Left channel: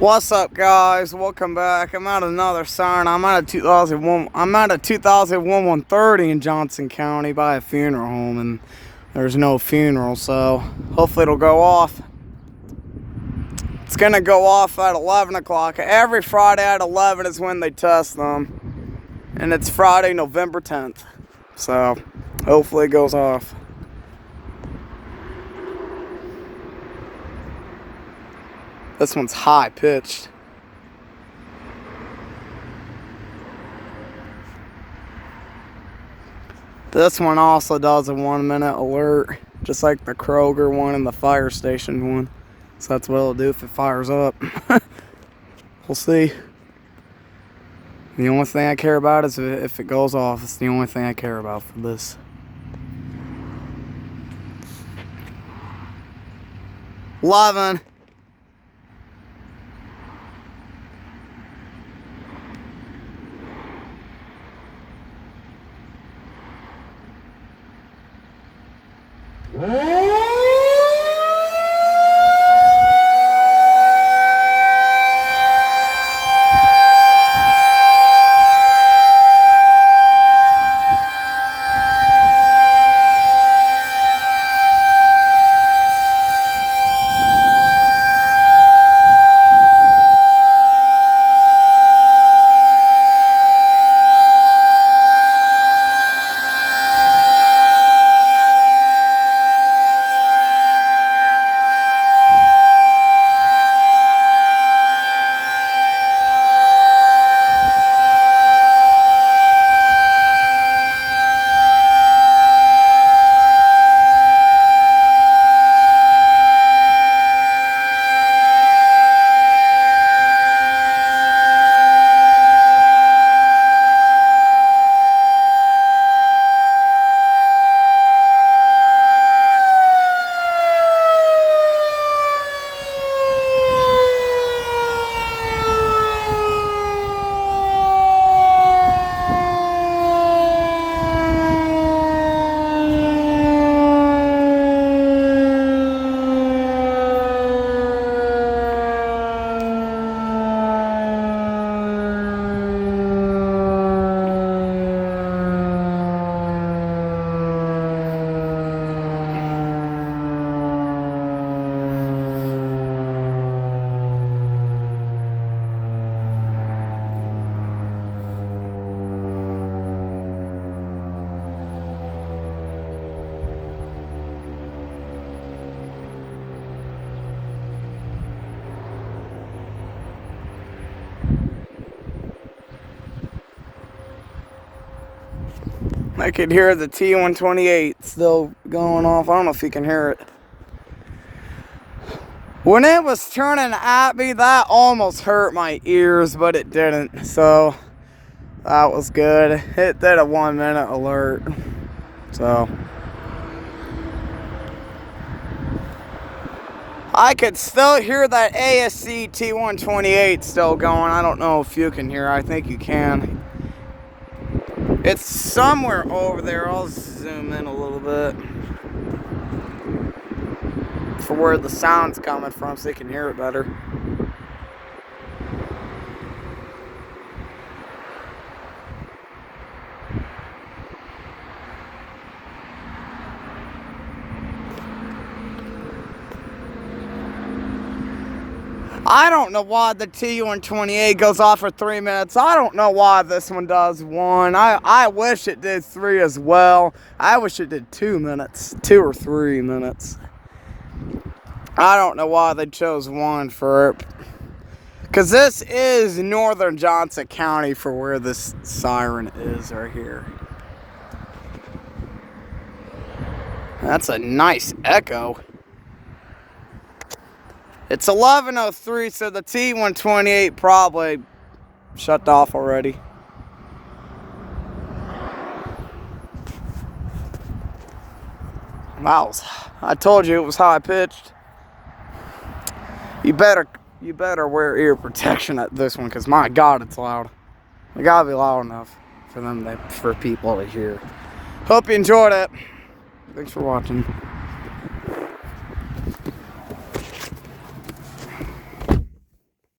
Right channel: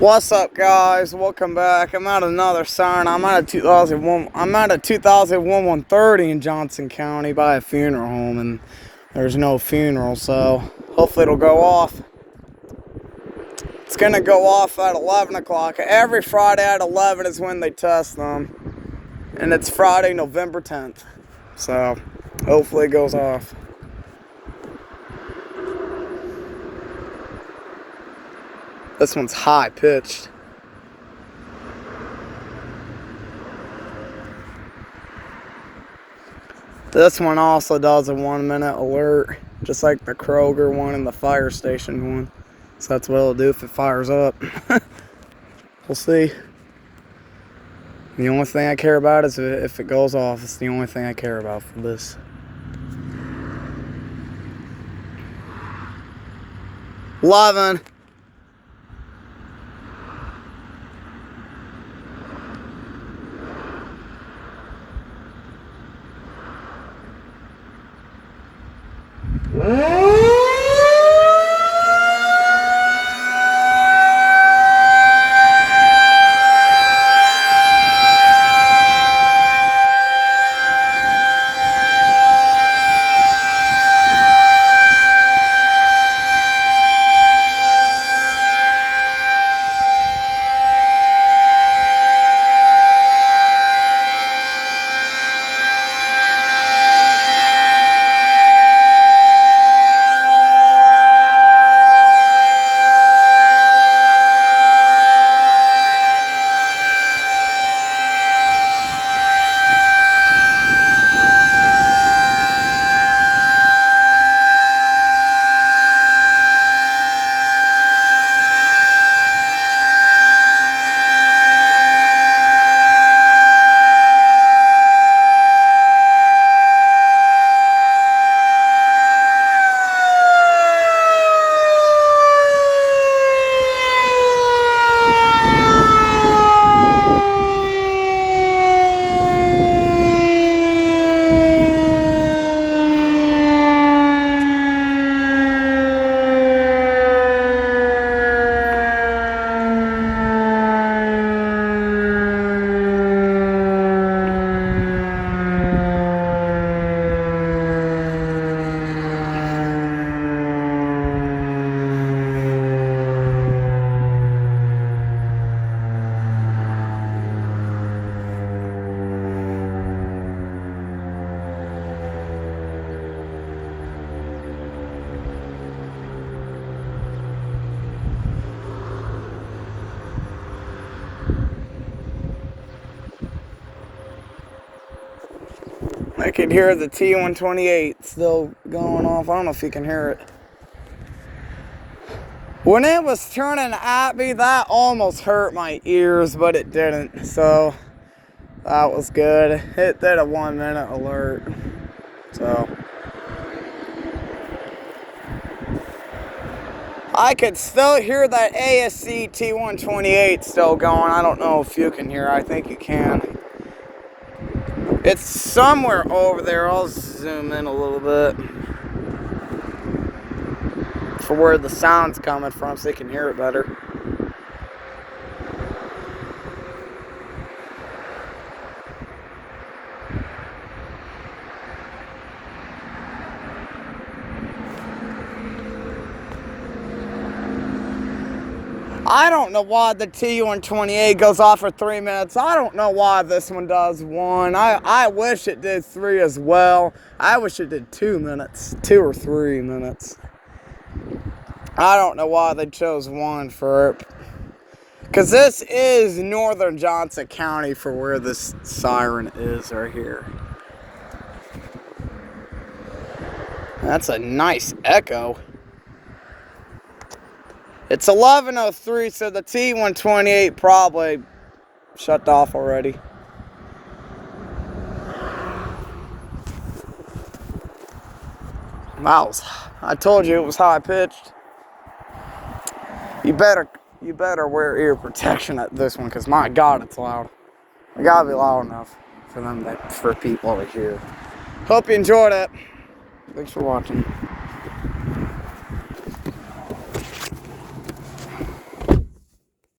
What's up, guys? Welcome back. I'm at another Siren. I'm at a 2001 130 in Johnson County by a funeral home, and there's no funeral, so hopefully it'll go off. It's gonna go off at 11 o'clock. Every Friday at 11 is when they test them, and it's Friday, November 10th. So hopefully it goes off. This one's high pitched. This one also does a 1 minute alert, just like the Kroger one and the fire station one. So that's what it'll do if it fires up. We'll see. The only thing I care about is if it goes off. It's the only thing I care about for this. 11. I could hear the T-128 still going off. I don't know if you can hear it. When it was turning at me, that almost hurt my ears, but it didn't. So that was good. It did a 1 minute alert. So I could still hear that ASC T-128 still going. I don't know if you can hear. I think you can. It's somewhere over there. I'll zoom in a little bit for where the sound's coming from so you can hear it better. I don't know why the T-128 goes off for 3 minutes. I don't know why this one does 1. I wish it did 3 as well. I wish it did 2 minutes, 2 or 3 minutes. I don't know why they chose 1 for it. Because this is northern Johnson County for where this Siren is right here. That's a nice echo. It's 11:03, so the T-128 probably shut off already. Wow, I told you it was high pitched. You better wear ear protection at this one, because my God, it's loud. It gotta be loud enough for people to hear. Hope you enjoyed it. Thanks for watching.